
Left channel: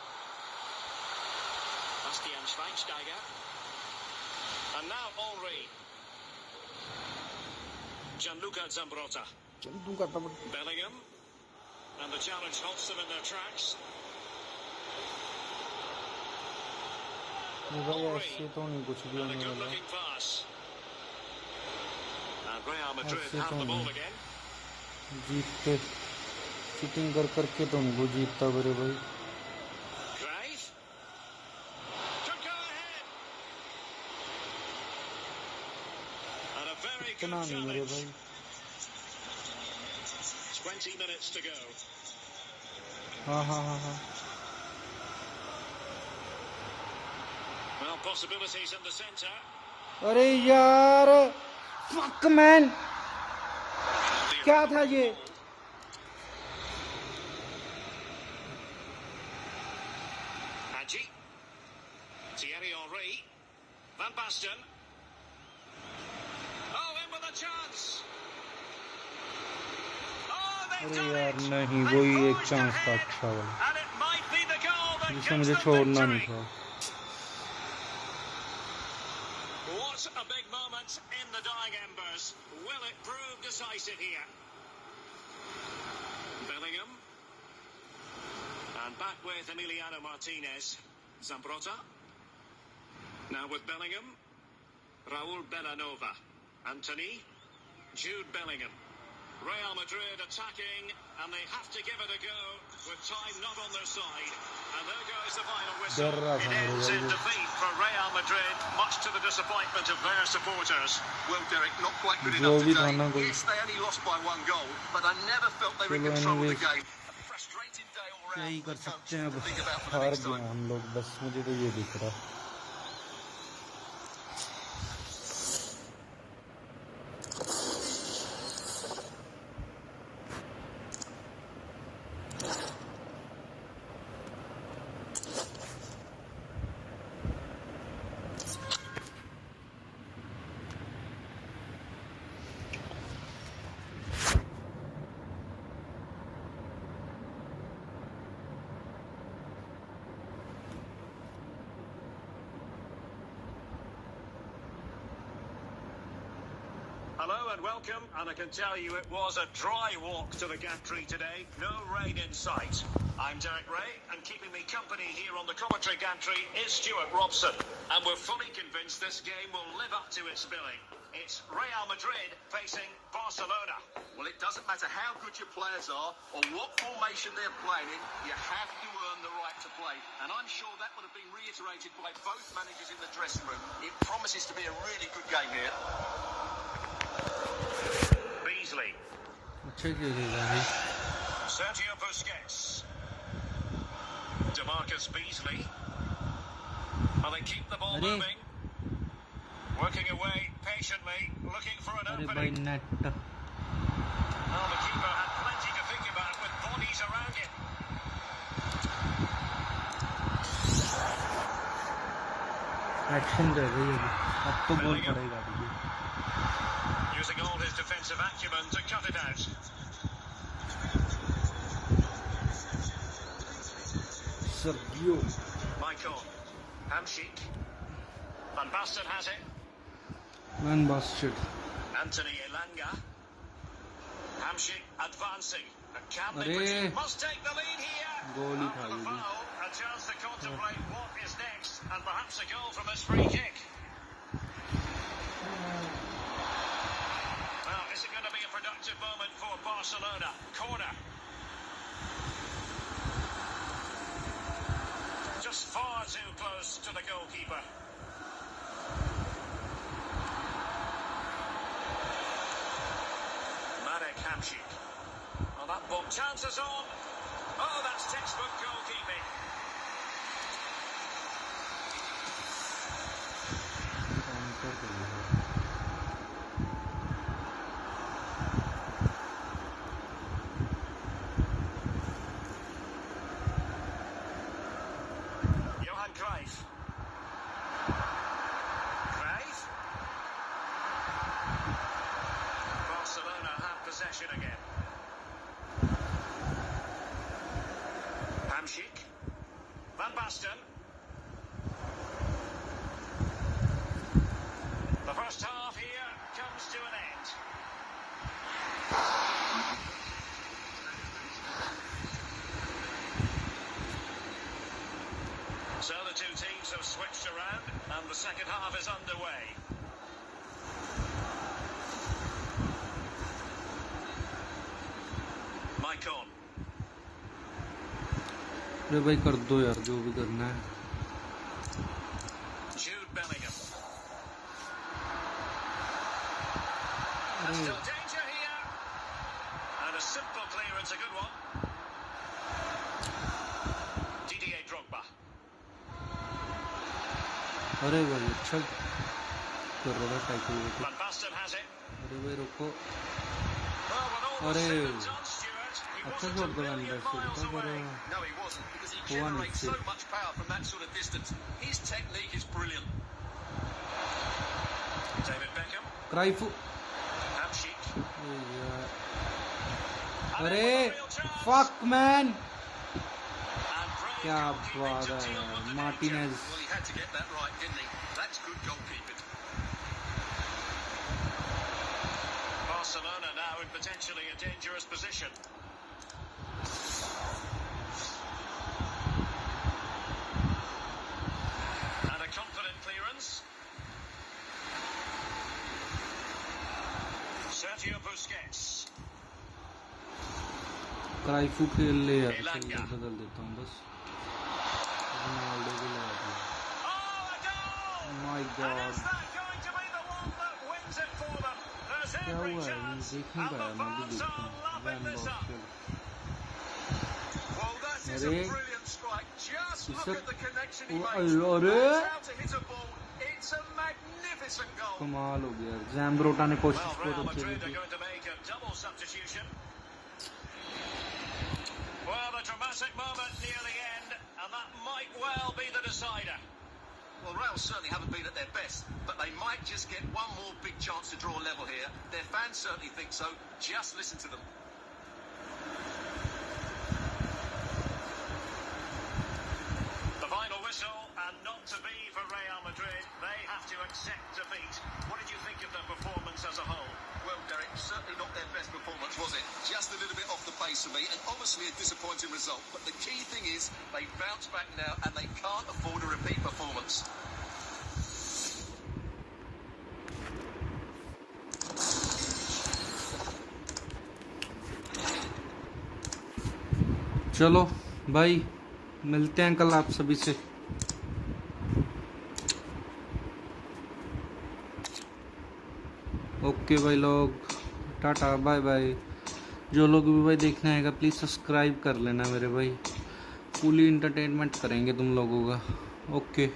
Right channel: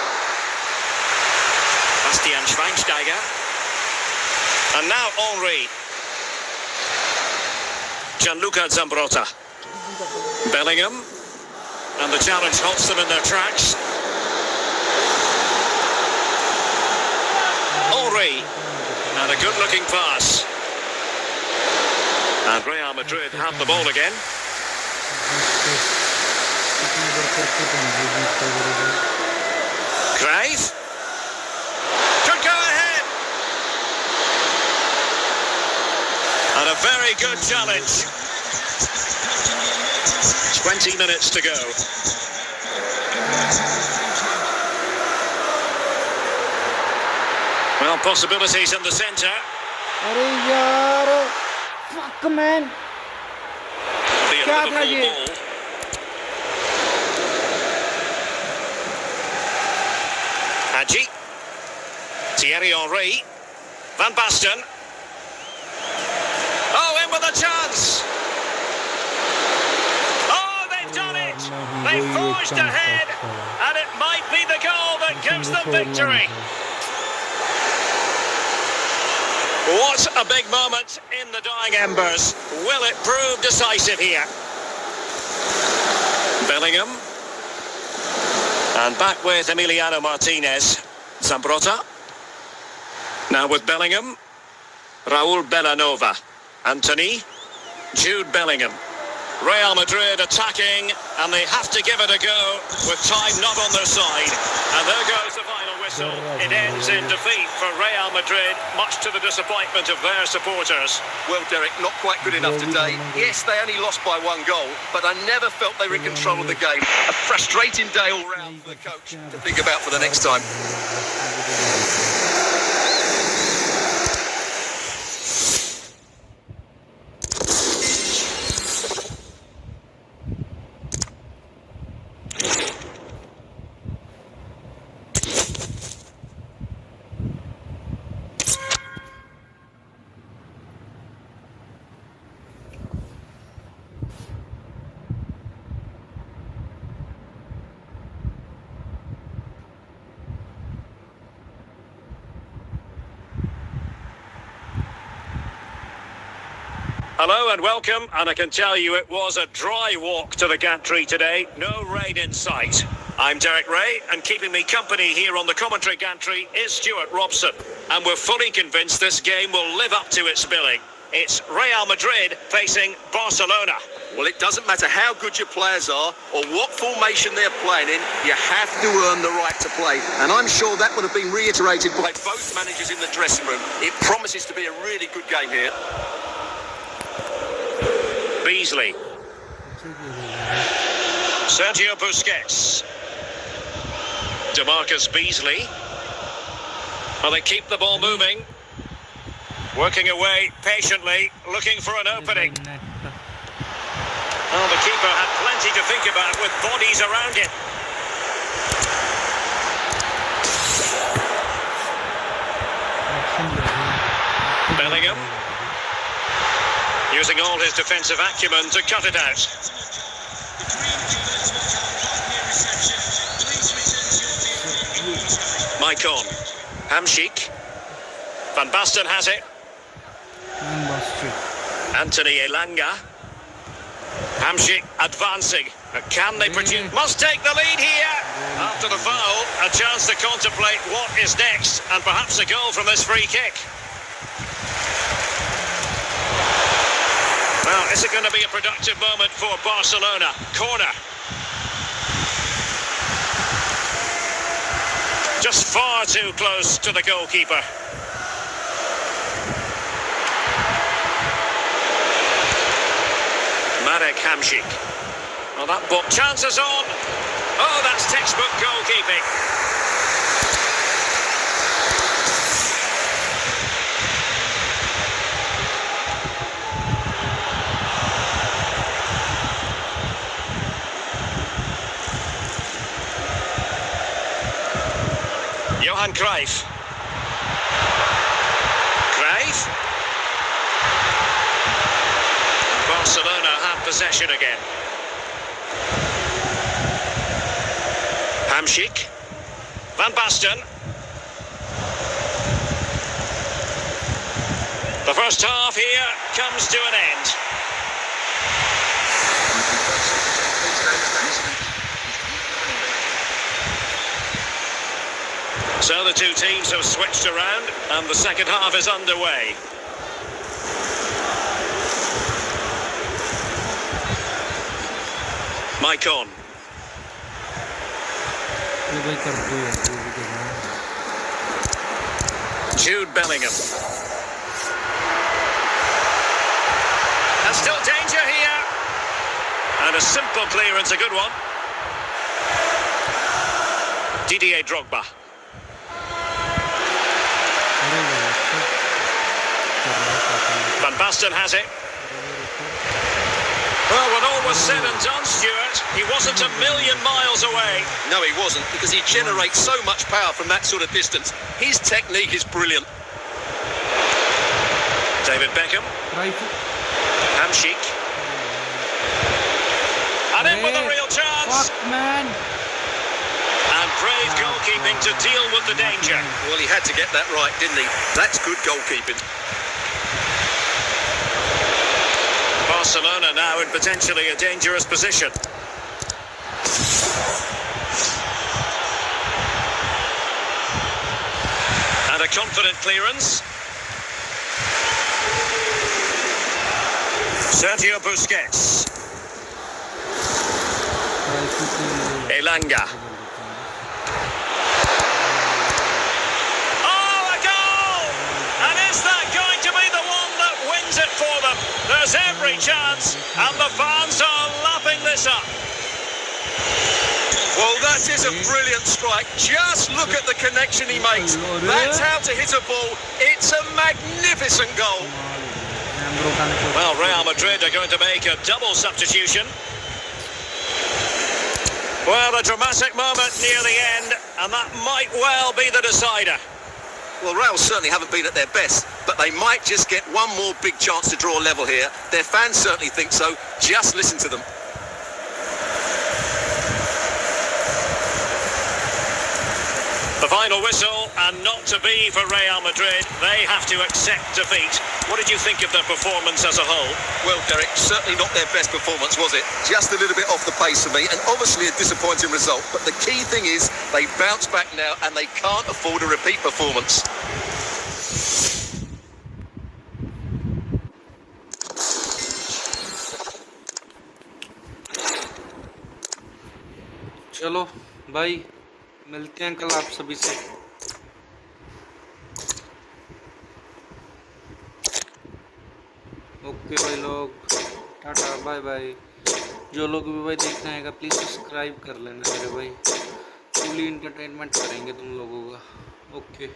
Bastian Schweinsteiger. And now Henry. Gianluca Zambrotta. Bellingham. And the challenge halts them in their tracks. Henry. And a good-looking pass. And Real Madrid have the ball again. Cruyff. Could go ahead. And a very good challenge. 20 minutes to go. Well, possibilities in the centre. अरे यार, fuck man. क्या था ये? Hadji. Thierry Henry. Van Basten. Oh, in with a chance. Oh, they've done it. They've forged ahead. And it might be the goal that gives them victory. What a big moment in the dying embers. Will it prove decisive here? Bellingham. And back with Emiliano Martinez. Zambrotta. Now with Bellingham. Raul Bellanova. Anthony, Jude Bellingham. Real Madrid attacking, and they have to give it a go with time not on their side. And there goes the final whistle. It ends in defeat for Real Madrid, much to the disappointment of their supporters. Well, Derek, not quite good enough today. Yes, they only lost by 1 goal, but I never felt they were in control of the game. A frustrating day all round for the coach to think about for the next time. Hello and welcome, and I can tell you it was a dry walk to the gantry today. No rain in sight. I'm Derek Ray, and keeping me company here on the commentary gantry is Stuart Robson. And we're fully convinced this game will live up to its billing. It's Real Madrid facing Barcelona. Well, it doesn't matter how good your players are or what formation they're playing in, you have to earn the right to play. And I'm sure that would have been reiterated by both managers in the dressing room. It promises to be a really good game here. Beasley. Sergio Busquets. DeMarcus Beasley. Well, they keep the ball moving. Working away patiently, looking for an opening. Oh, the keeper had plenty to think about with bodies around him. Bellingham. Using all his defensive acumen to cut it out. Maicon. Hamsik. Van Basten has it. Anthony Elanga. Hamsik advancing. Can they produce? Must take the lead here. After the foul, a chance to contemplate what is next, and perhaps a goal from this free kick. Well, is it going to be a productive moment for Barcelona? Corner. Just far too close to the goalkeeper. Marek Hamsik. Well, that ball. Chances on. Oh, that's textbook goalkeeping. Johan Cruyff. Cruyff. Barcelona have possession again. Hamsik. Van Basten. The first half here comes to an end. So the two teams have switched around and the second half is underway. Maicon. Jude Bellingham. And still danger here. And a simple clearance, a good one. Didier Drogba. Van Basten has it. Well, when all was said and done, Stuart, he wasn't a million miles away. No, he wasn't, because he generates so much power from that sort of distance. His technique is brilliant. David Beckham. Hamsik. And in with a real chance. Fuck, man. And brave goalkeeping to deal with the danger. Well, he had to get that right, didn't he? That's good goalkeeping. Barcelona now in potentially a dangerous position. And a confident clearance. Sergio Busquets. Elanga. Oh, a goal! And is that going to be the one that wins it for them? There's every chance, and the fans are lapping this up. Well, that is a brilliant strike. Just look at the connection he makes. That's how to hit a ball. It's a magnificent goal. Well, Real Madrid are going to make a double substitution. Well, a dramatic moment near the end, and that might well be the decider. Well, Real certainly haven't been at their best, but they might just get one more big chance to draw level here. Their fans certainly think so. Just listen to them. The final whistle, and not to be for Real Madrid. They have to accept defeat. What did you think of their performance as a whole? Well, Derek, certainly not their best performance, was it? Just a little bit off the pace for me, and obviously a disappointing result. But the key thing is they bounce back now, and they can't afford a repeat performance. चलो भाई, मिलते हैं कल आप सभी से। Okay भाई लोग, टाटा बाय बाय। जो लोग भी भाई देखना आएगा प्लीज़ सब्सक्राइब कर लेना मेरे भाई, फुली इंटरटेनमेंट करेंगे तुम लोगों का। ओके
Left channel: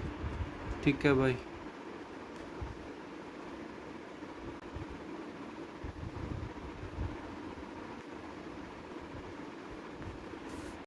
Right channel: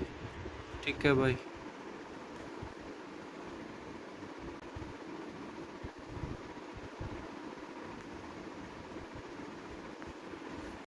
ठीक है भाई।